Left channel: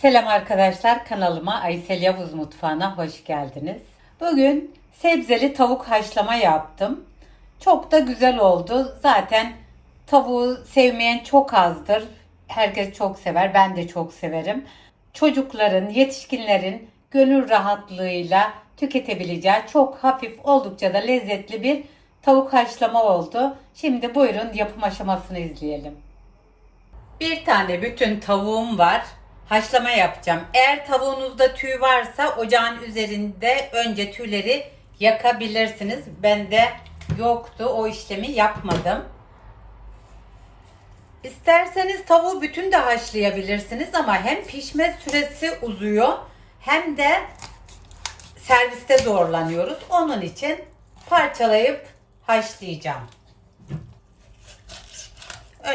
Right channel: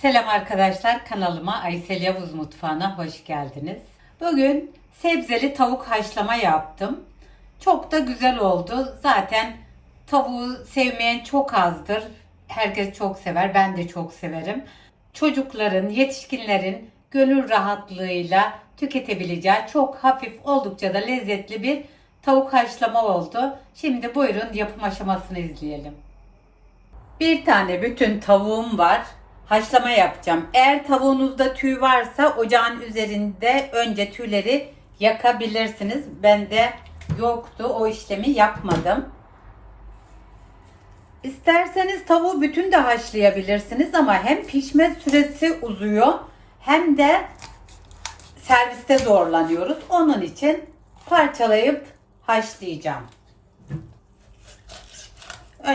Selam arkadaşlar kanalıma Aysel Yavuz Mutfağı'na hoş geldiniz. Bugün sebzeli tavuk haşlama yaptım. Çok da güzel oldu. Zaten tavuğu sevmeyen çok azdır. Herkes çok sever. Ben de çok severim. Çocukların, yetişkinlerin gönül rahatlığıyla tüketebileceği çok hafif oldukça da lezzetli bir tavuk haşlama oldu. Şimdi buyurun yapım aşamasını izleyelim. Bir tane bütün tavuğum var. Haşlama yapacağım. Eğer tavuğunuzda tüy varsa ocağın üzerinde önce tüyleri yakabilirsiniz. Bende yoktu. O işlemi yapmadım. İsterseniz tavuğu bütün de haşlayabilirsiniz ama hem pişme süresi uzuyor hem de serviste zorlanıyoruz. Onun için parçalayıp haşlayacağım.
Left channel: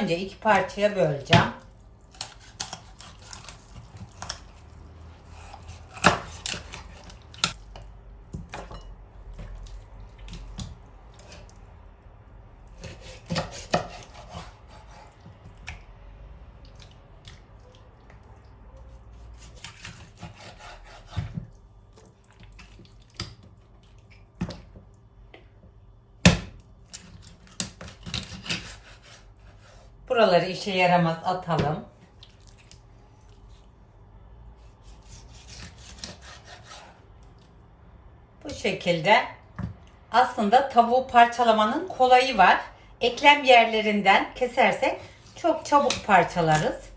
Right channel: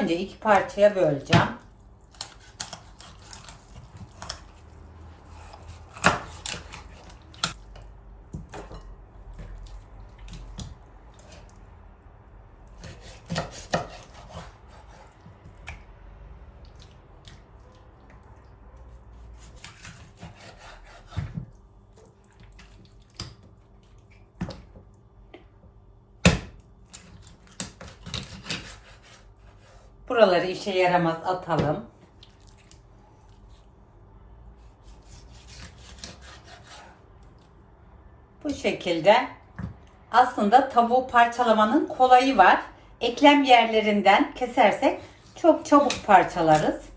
Önce iki parçaya böleceğim. Buraları işe yaramaz atalım. Bu şekilde aslında tavuğu parçalamanın kolayı var. Eklem yerlerinden kesersek çok çabuk parçalarız.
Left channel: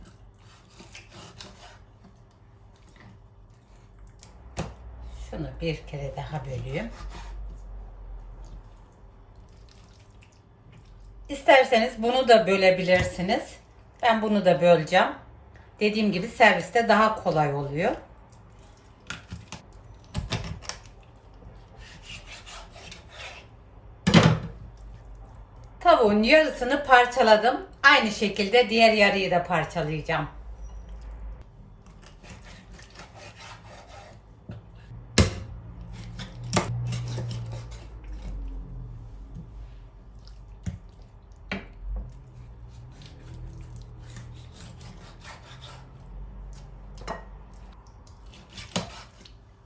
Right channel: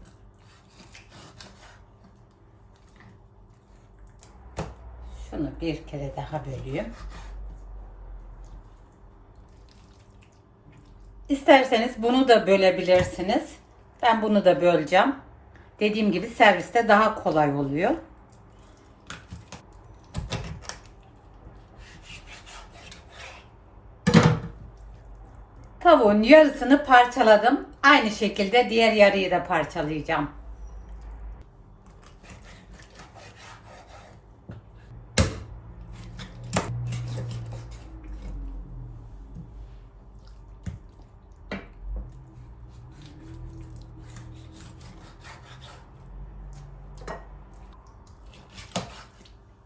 Şunu bir kere daha böleyim. İsterseniz bunu da bölebilirsiniz. Ben bunu da böleceğim. Dediğim gibi serviste daha kolay oluyor. Tavuğun yarısını parçaladım. Aynı şekilde diğer yarıyı da parçalayacağım.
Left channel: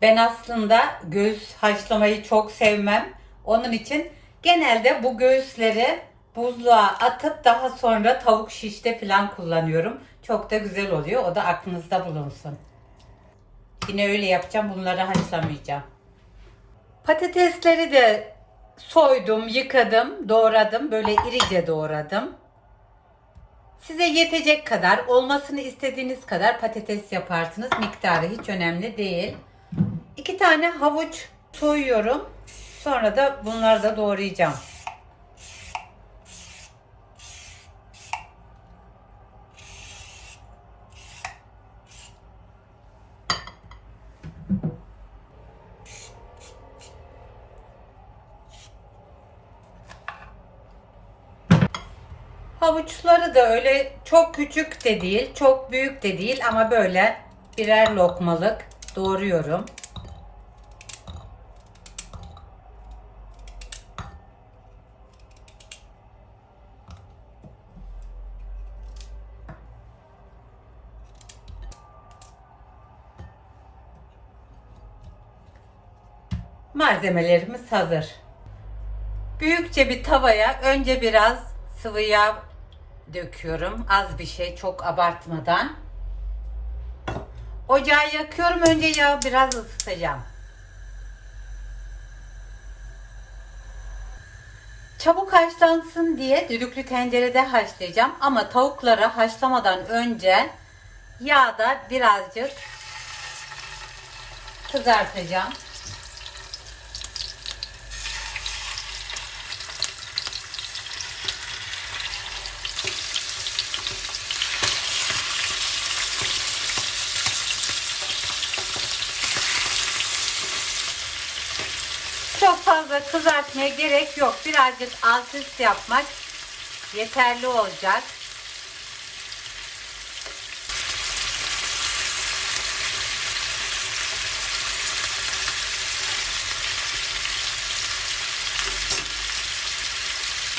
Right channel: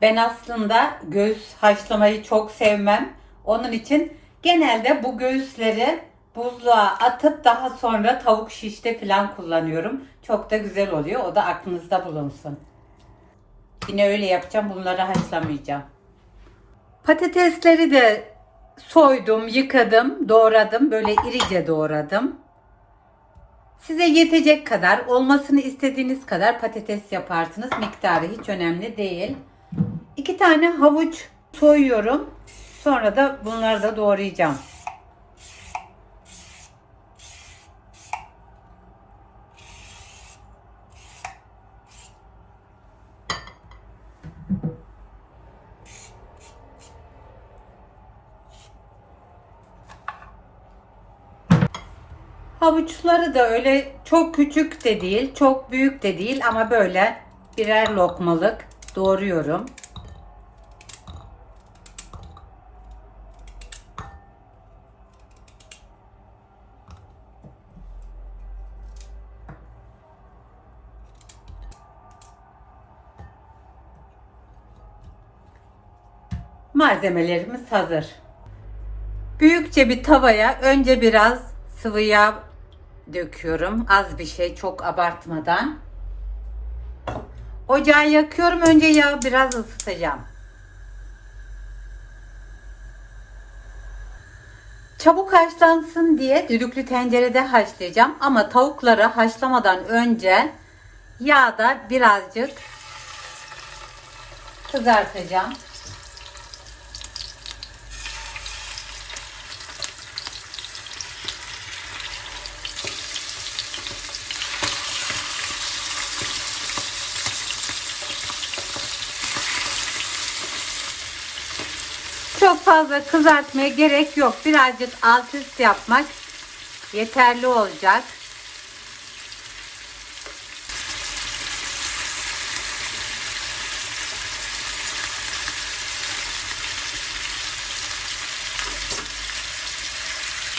Ben aslında göğüs haşlamayı çok sevmem. Onun için genelde bu göğüsleri buzluğa atıp daha sonra tavuk şişte falan kullanıyorum. Çok da güzel oluyor. O da aklınızda bulunsun. Yine öyle yapacağım. Bunları haşlamayacağım. Patatesleri de soydum, yıkadım, doğradım. Böyle irice doğradım. Size yetecek kadar, olmasını istediğiniz kadar patates yaparsınız. Miktarı hiç önemli değil. İki tane havuç soyuyorum. Sonra da bunları da doğrayacağım. Havuçları da öyle çok küçük de değil, çok büyük de değil ama böyle birer lokmalık doğruyorum. Malzemelerimiz hazır. Büyükçe bir tavaya önce biraz sıvı yağ döküyorum. Az bir şey, çok abartmadan. Ocağı yakıyorum. Önce yağı biraz ısıtacağım. Çabuk haşlansın diye düdüklü tencerede haşlayacağım. Ama tavukları haşlamadan önce yağda birazcık kızartacağım. Çok fazla kızartmaya gerek yok. Birazcık alt üst yapmak yeterli olacak.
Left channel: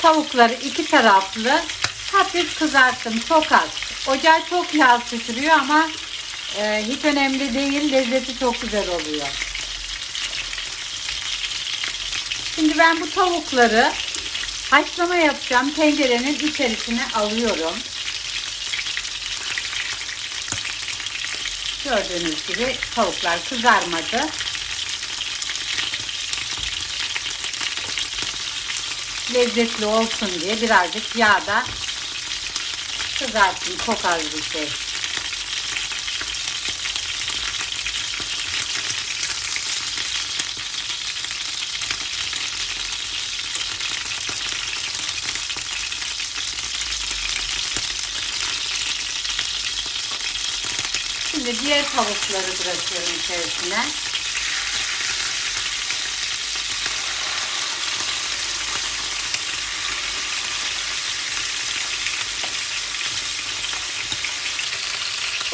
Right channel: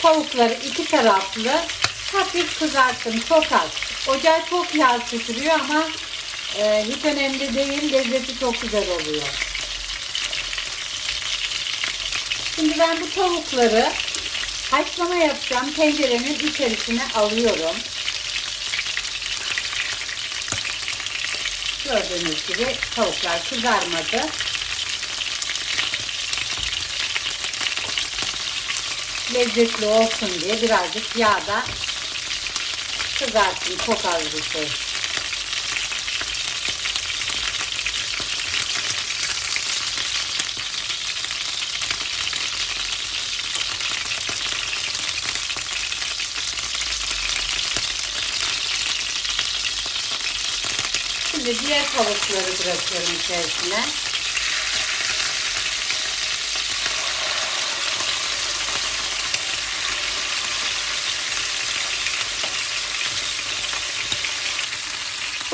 Tavukları iki taraflı hafif kızarttım çok az. Ocağı çok yağ tutuyor ama Ee, hiç önemli değil. Lezzeti çok güzel oluyor. Şimdi ben bu tavukları haşlama yapacağım. Tencerenin içerisine alıyorum. Gördüğünüz gibi tavuklar kızarmadı. Lezzetli olsun diye birazcık yağda kızartın. Çok bir şey. Şimdi diğer tavukları bırakıyorum içerisine.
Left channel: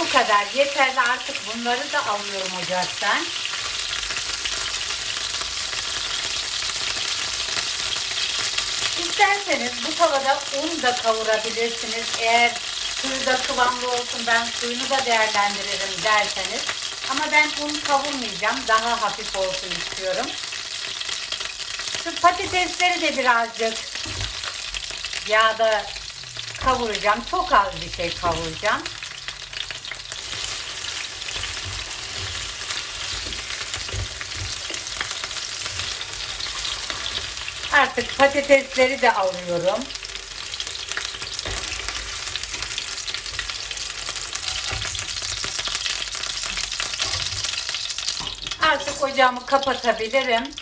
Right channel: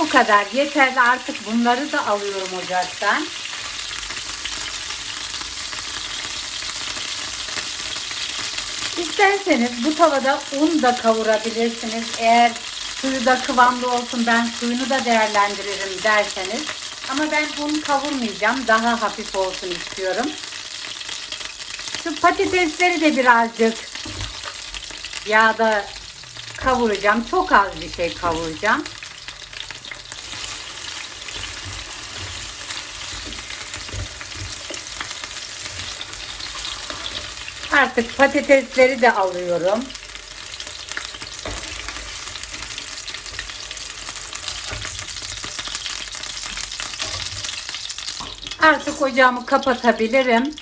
Bu kadar yeterli artık bunları da alıyorum ocaktan. İsterseniz bu tavada un da kavurabilirsiniz. Eğer suyu da kıvamlı olsun ben suyunu da değerlendiririm derseniz. Ama ben un kavurmayacağım. Daha hafif olsun istiyorum. Şu patatesleri de birazcık yağda kavuracağım. Çok az bir şey kavuracağım. Artık patatesleri de alıyorum. Artık ocağımı kapatabilirim.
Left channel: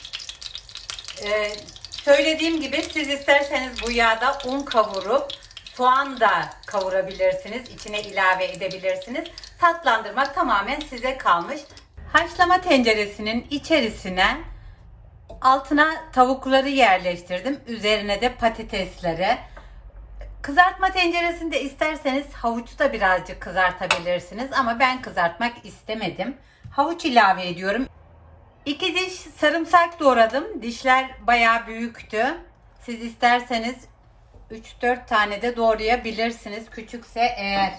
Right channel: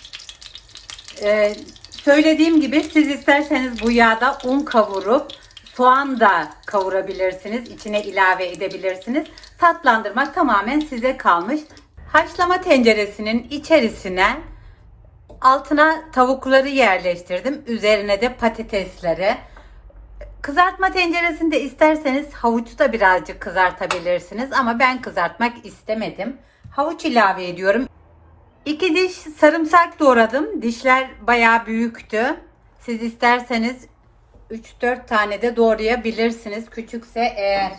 Ee, söylediğim gibi siz isterseniz bu yağda un kavurup soğan da kavurabilirsiniz. İçine ilave edebilirsiniz. Tatlandırmak tamamen size kalmış. Haşlama tenceresinin içerisine altına tavukları yerleştirdim. Üzerine de patatesleri. Kızartma tenceresinde isterseniz havucu da birazcık kızartabilirsiniz ama ben kızartmak istemedim. Havuç ilave ediyorum. İki diş sarımsak doğradım. Dişler bayağı büyüktü. Siz isterseniz 3-4 tane de doğrayabilirsiniz. Küçükse eğer.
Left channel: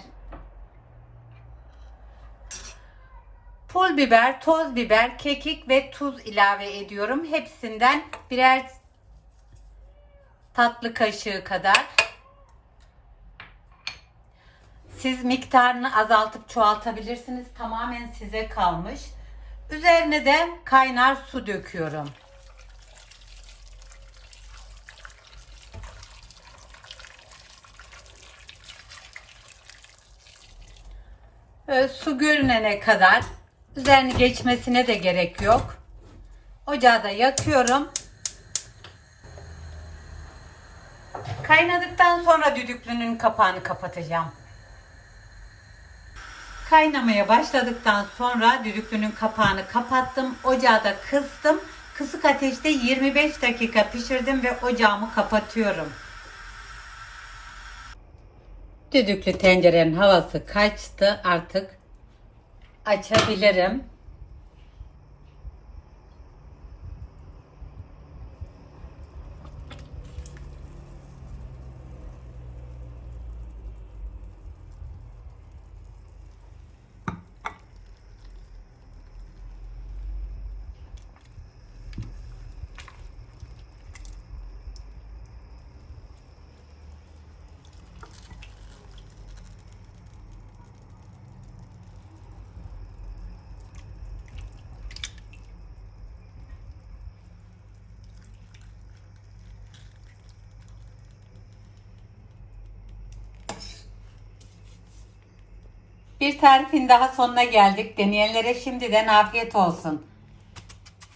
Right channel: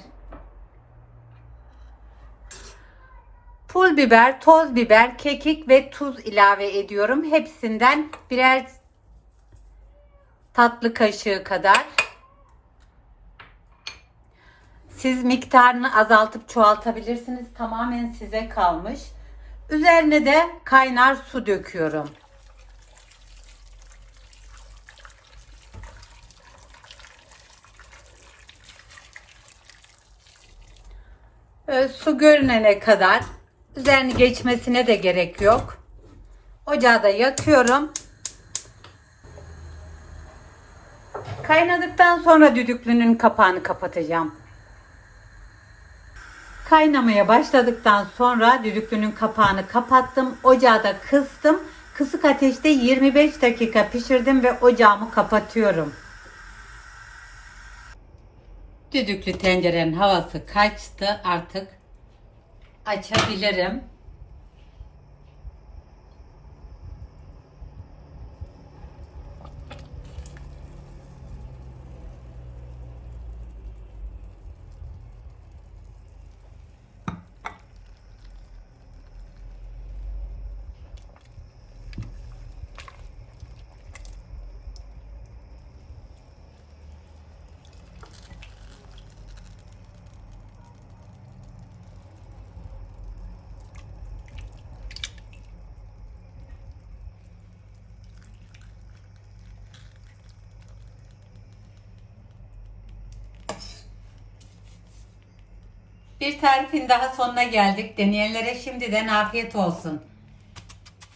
Pul biber, toz biber, kekik ve tuz ilave ediyorum. Hepsinden birer tatlı kaşığı kadar. Siz miktarını azaltıp çoğaltabilirsiniz. Tamamen size kalmış. Üzerine de kaynar su döküyorum. Su görünene kadar üzerini geçmesine de gerek yok. Ocağı da yakıyorum. Kaynadıktan sonra düdüklünün kapağını kapatacağım. Kaynamaya başladıktan sonra düdüklünün kapağını kapattım. Ocağı da kıstım. Kısık ateşte 25 dakika pişirdim ve ocağımı kapatıyorum. Düdüklü tencerenin havası kaçtı. Artık açabilirim. Bir tarifin daha sonuna geldik. Deneyenlere şimdiden afiyet olsun.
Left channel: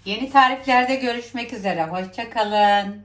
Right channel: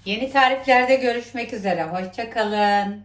Yeni tariflerde görüşmek üzere. Hoşçakalın.